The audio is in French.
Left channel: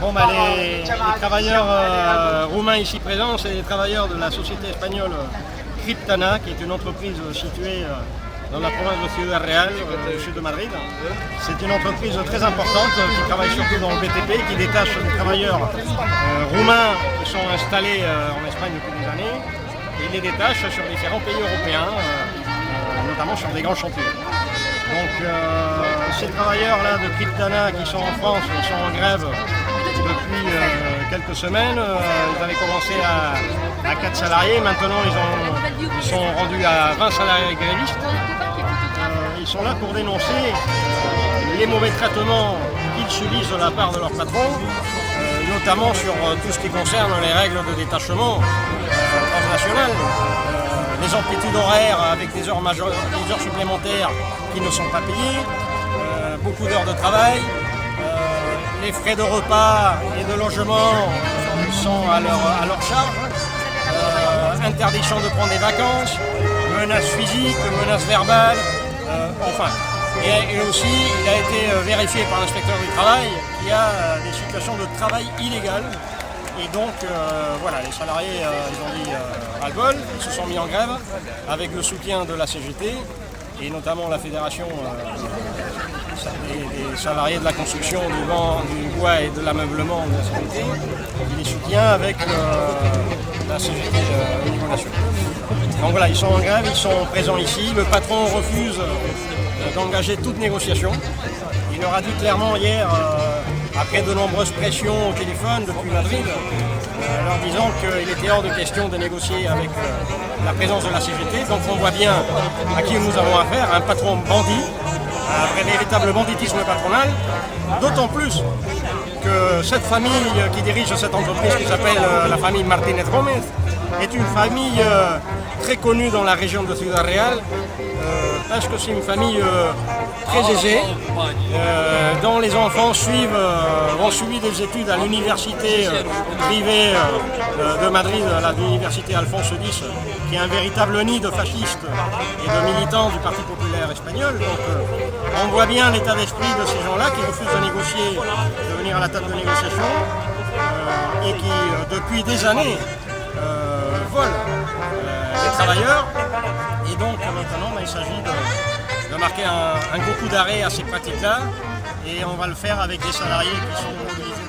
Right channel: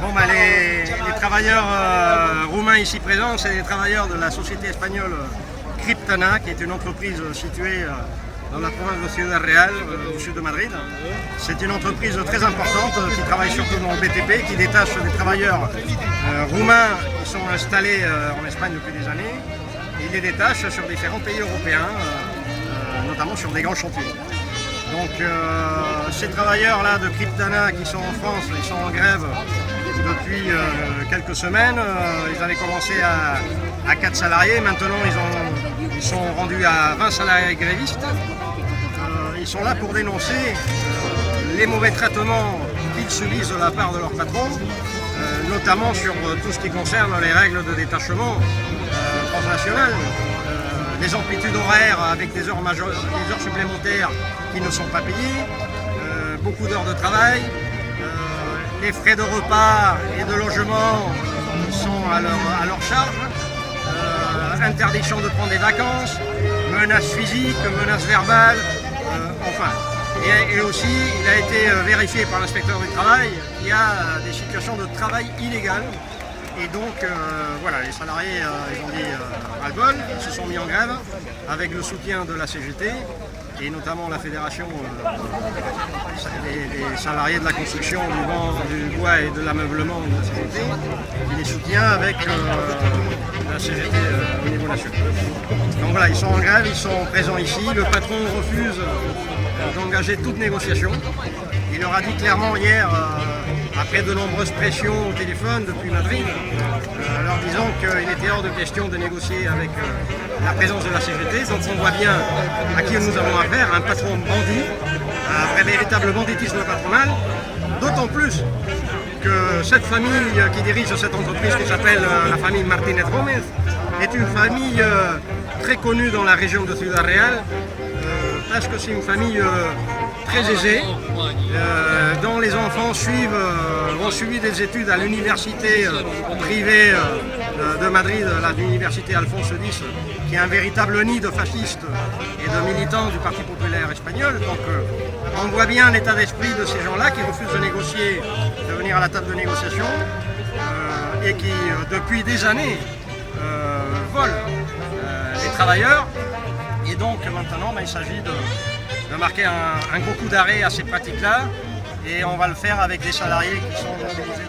Bon, les travailleurs roumains ici présents, c'est des travailleurs de la société espagnole Criptana, qui est une entreprise située dans la province de Ciudad Real, au sud de Madrid. C'est une entreprise très importante qui travaille surtout dans le BTP, qui détache des travailleurs roumains qui sont installés en Espagne depuis des années. Et il les détache sur différents pays européens, notamment sur des grands chantiers. Donc ces travailleurs-là de Criptana qui sont en France, ils sont en grève depuis quelques semaines. Ils avaient commencé à 4 salariés, maintenant ils sont rendus à 20 salariés grévistes. Ils sont là pour dénoncer les mauvais traitements qu'ils subissent de la part de leur patron, notamment sur tout ce qui concerne les règles de détachement transnational, les amplitudes horaires avec des heures supplémentaires qui ne sont pas payées, beaucoup d'heures de travail, les frais de repas et de logement sont à leur charge, interdiction de prendre des vacances, menaces physiques, menaces verbales, enfin. Et aussi, il a été vérifié par l'inspecteur du travail qu'il y a des situations de travail illégales. Et donc, voilà, les salariés, ils ont dit ras-le-bol, ils se sont mis en grève avec le soutien de la CGT et notamment la fédération des salariés de la construction, du bois et de l'ameublement de la CGT. Il les soutient avec la CGT au niveau national. Donc voilà, ils sont en grève, ils sont présents ici. Le patron refuse d'engager toute négociation. Il leur a dit clairement hier, après de nombreuses pressions au téléphone depuis Madrid, leur disant qu'il était hors de question de négocier avec la présence de la CGT. Donc on voit bien à qui nous avons affaire, un patron bandit, un vrai véritable banditisme patronal, d'autant plus que cette famille qui dirige cette entreprise qui s'appelle la famille Martínez Gómez est une famille très connue dans la région de Ciudad Real, parce que c'est une famille très aisée, dont les enfants ont suivi des études à l'université privée de Madrid, l'université Alphonse X, qui est un véritable nid de fascistes et de militants du Parti populaire espagnol. Donc on voit bien l'état d'esprit de ces gens-là qui refusent de négocier, de venir à la table de négociation, et qui depuis des années volent les travailleurs. Et donc maintenant, il s'agit de marquer un gros coup d'arrêt à ces pratiques-là, et on va le faire avec des salariés qui sont mobilisés